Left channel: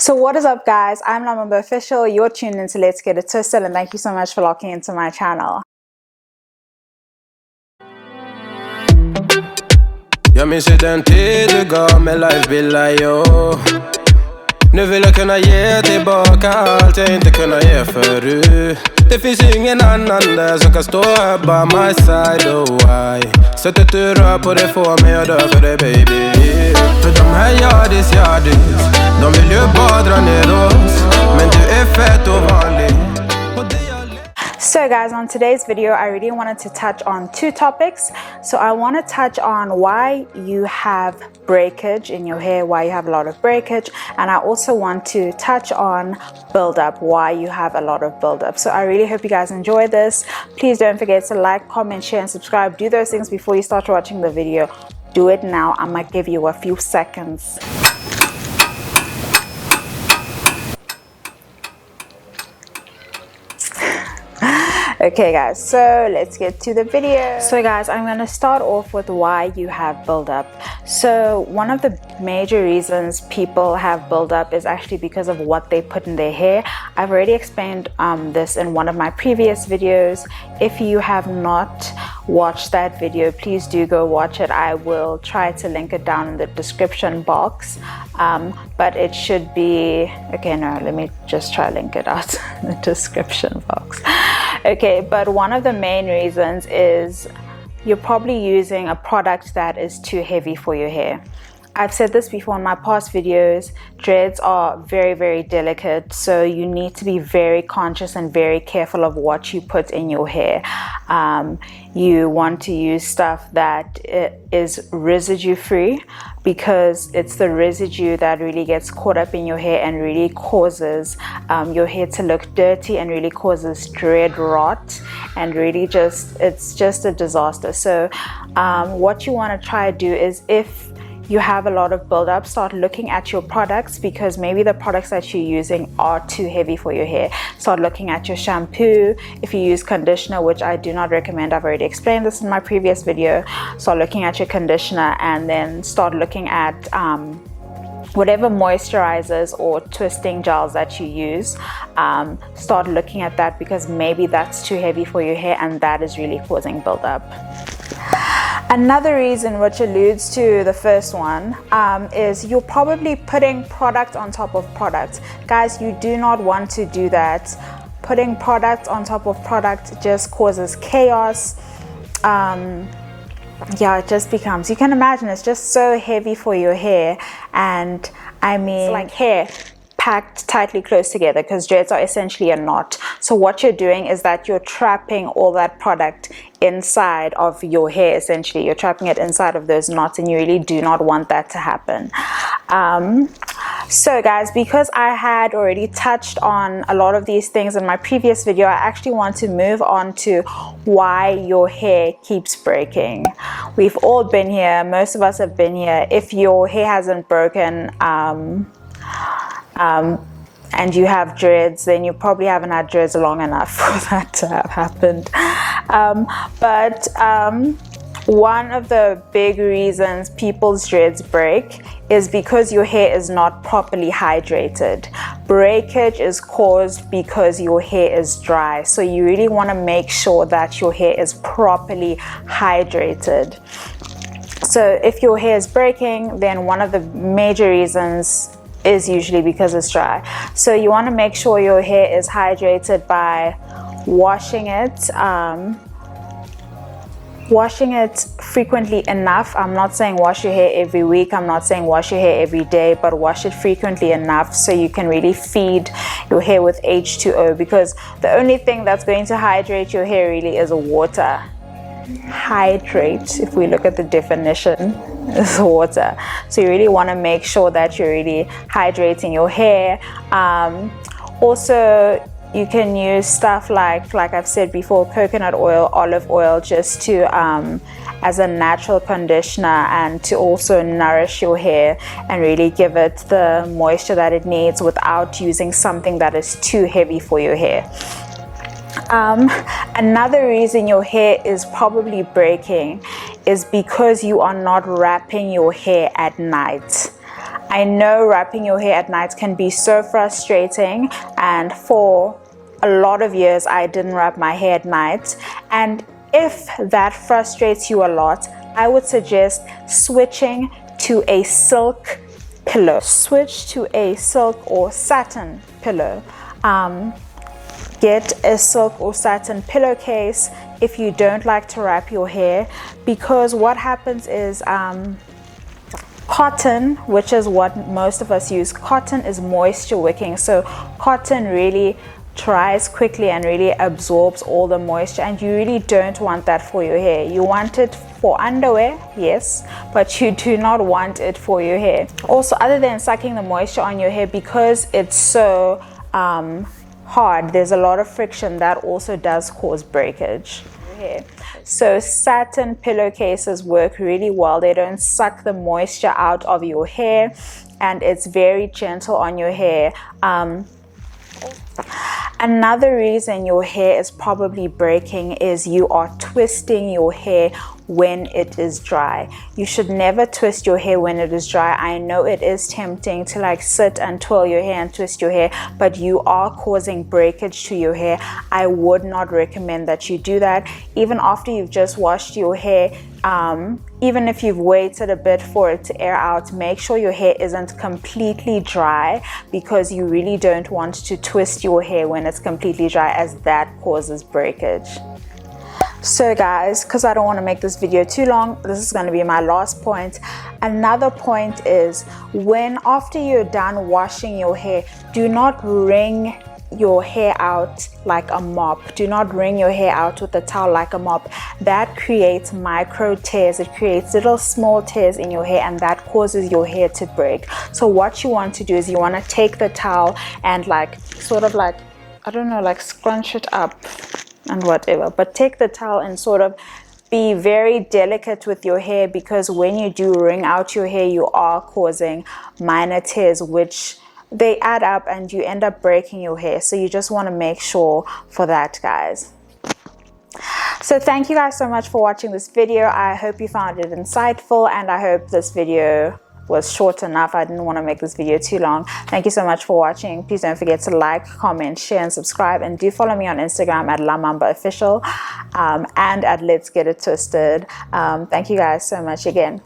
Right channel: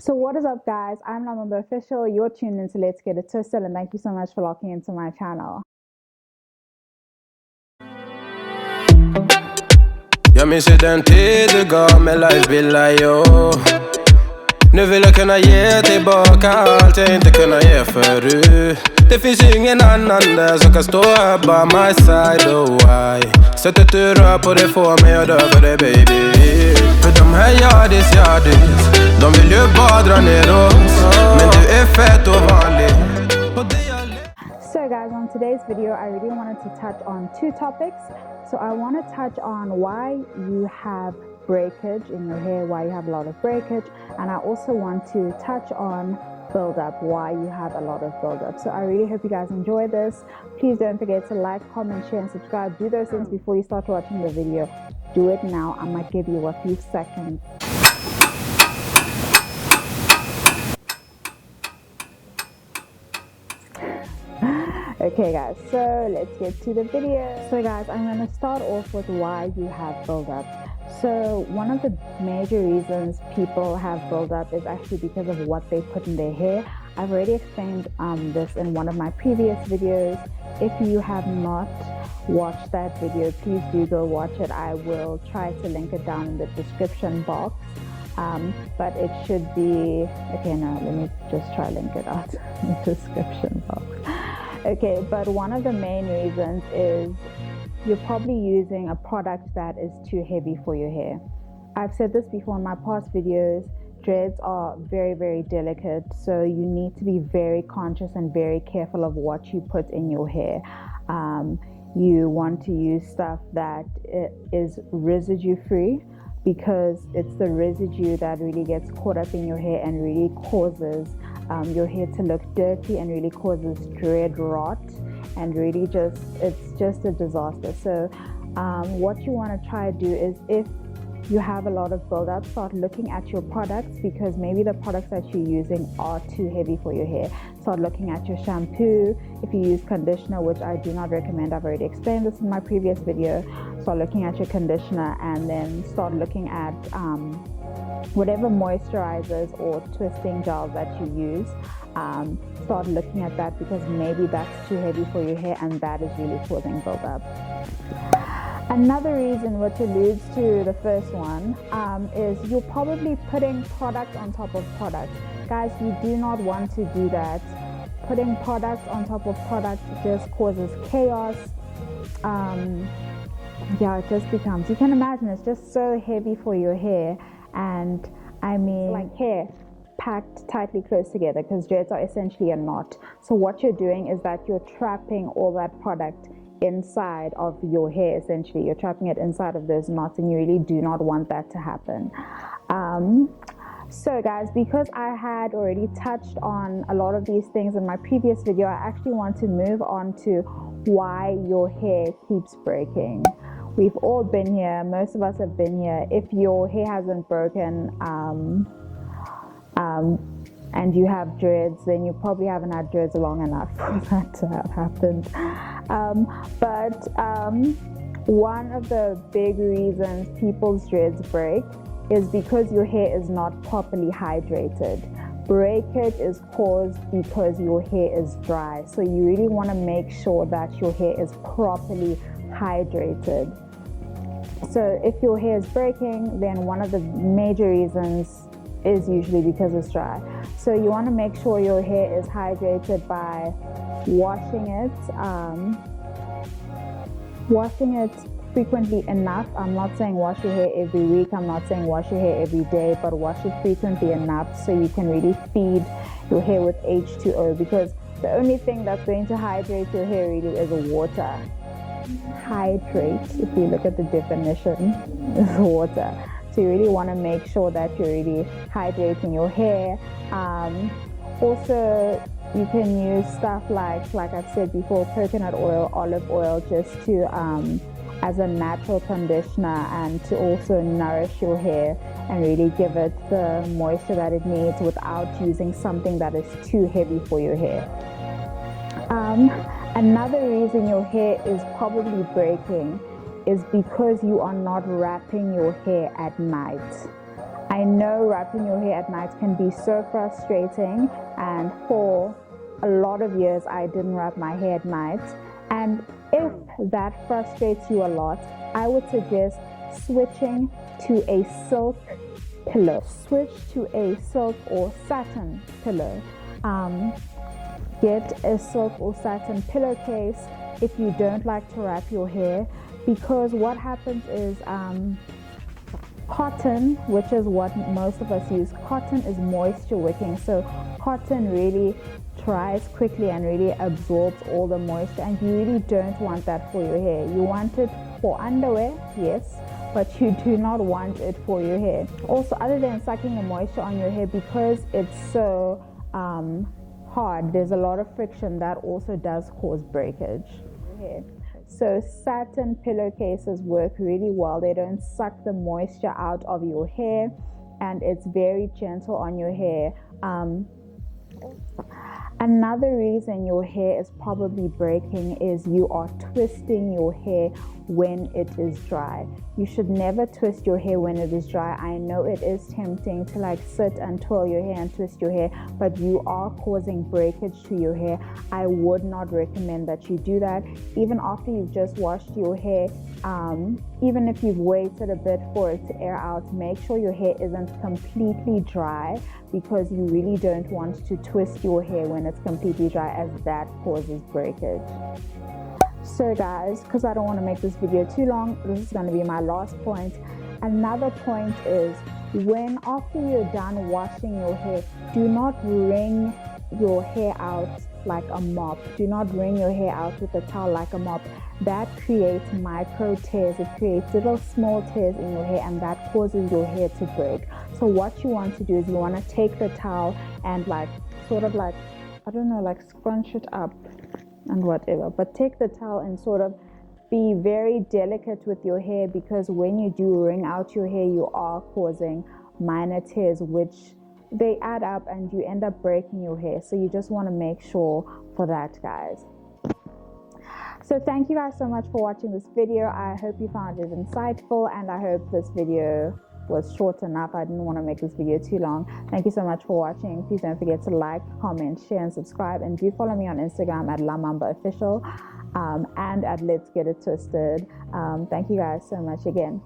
So what is up, guys? I'm Lamamba Official. You're tuned into Let's Get It Twisted, and thank you so much for locking into my channel. Jag minns ju den tid du gav mig life billar yo. Nu vill jag kunna ge tillbaka allt jag inte kunnat ge förut. Det finns ju ingen annan där som kan stå här by my side, oh why. Sättet du rör på det får mig att dö för dig baby. För de här yardis, de vill ju bara dra ner oss. Men du är fett och vanlig. So guys, on today's video, I really wanted to touch on two topics. So I want to touch on why you have breakage in your hair, why you have a lot of breakage, and I also want to touch on buildup, why you have a lot of buildup. So I really hope you guys enjoy this. Please don't forget to like, comment, share, and subscribe. Do those things before you start watching the video. Do it now. I might give you a few seconds. Okay guys, so let's get to the video. So guys, I'm going to start off with why you have buildup. So one of the major reasons people have buildup is actually because of what they put in their hair. I've already explained this in one of my previous videos. If you have not watched that video, please do go watch it. I will try to link it down in the description box. But it should be, okay, no, let me just try link it out in the description box. Okay, but one of the main reasons is you're probably using a product that is too heavy for your hair. I've said this before in my past videos, dreads are very, very delicate, so you need to be very conscious and very careful of what you put in your hair. You want to use stuff that is residue free, because it's the residue that really gets caught up in your hair and really causes your hair to look dirty and really causes dread rot, and really it's just a disaster. So what you want to try to do is, if you have a lot of buildup, start looking at your products, because maybe the products that you're using are too heavy for your hair. Start looking at your shampoo. If you use conditioner, which I do not recommend, I've already explained this in my previous video. Start looking at your conditioner, and then start looking at whatever moisturizers or twisting gels that you use. Start looking at that, because maybe that's too heavy for your hair and that is really causing buildup. Another reason, which alludes to the first one, is you're probably putting product on top of product. Guys, you do not want to do that. Putting product on top of product just causes chaos. Yeah, it just becomes, you can imagine, it's just so heavy for your hair. And I mean, it's like hair packed tightly close together, because dreads are essentially a knot. So what you're doing is that you're trapping all that product inside of your hair. Essentially, you're trapping it inside of those knots, and you really do not want that to happen. So guys, because I had already touched on a lot of these things in my previous video, I actually want to move on to why your hair keeps breaking. We've all been here, most of us have been here. If your hair hasn't broken and you have dreads, then you probably haven't had dreads long enough for that to have happened. But one of the big reasons people's dreads break is because your hair is not properly hydrated. Breakage is caused because your hair is dry. So you really want to make sure that your hair is properly hydrated. So if your hair is breaking, then one of the major reasons is usually because it's dry. So you want to make sure your hair is hydrated by washing it frequently enough. I'm not saying wash your hair every week, I'm not saying wash your hair every day, but wash it frequently enough so you can really feed your hair with H2O, because the only thing that's going to hydrate your hair really is water. Hydrate, if we look at the definition, is water. So you really want to make sure that you're really hydrating your hair. Also, you can use stuff like I've said before, coconut oil, olive oil, just to as a natural conditioner, and to also nourish your hair and really give it the moisture that it needs without using something that is too heavy for your hair. Another reason your hair is probably breaking is because you are not wrapping your hair at night. I know wrapping your hair at night can be so frustrating, and for a lot of years I didn't wrap my hair at night, and if that frustrates you a lot, I would suggest switching to a silk pillow. Switch to a silk or satin pillow. Get a silk or satin pillowcase if you don't like to wrap your hair, because what happens is cotton, which is what most of us use, cotton is moisture wicking, so cotton really dries quickly and really absorbs all the moisture, and you really don't want that for your hair. You want it for underwear, yes, but you do not want it for your hair. Also, other than sucking the moisture on your hair, because it's so hard, there's a lot of friction that also does cause breakage. So satin pillowcases work really well. They don't suck the moisture out of your hair, and it's very gentle on your hair. Another reason your hair is probably breaking is you are twisting your hair when it is dry. You should never twist your hair when it is dry. I know it is tempting to like sit and twirl your hair and twist your hair, but you are causing breakage to your hair. I would not recommend that you do that. Even after you've just washed your hair, even if you've waited a bit for it to air out, make sure your hair isn't completely dry, because you really don't want to twist your hair when it's completely dry, as that causes breakage. So guys, because I don't want to make this video too long, this is going to be my last point. Another point is, when after you're done washing your hair, do not wring your hair out like a mop. Do not wring your hair out with a towel like a mop. That creates micro tears. It creates little small tears in your hair, and that causes your hair to break. So what you want to do is you want to take the towel and like sort of like, I don't know, like scrunch it up and whatever, but take the towel and sort of be very delicate with your hair, because when you do wring out your hair, you are causing minor tears, which they add up and you end up breaking your hair. So you just want to make sure for that, guys. So thank you guys so much for watching this video. I hope you found it insightful, and I hope this video was short enough. I didn't want to make this video too long. Thank you so much for watching. Please don't forget to like, comment, share, and subscribe, and do follow me on Instagram at @lamambaofficial and at Let's Get It Twisted. Thank you guys so much again.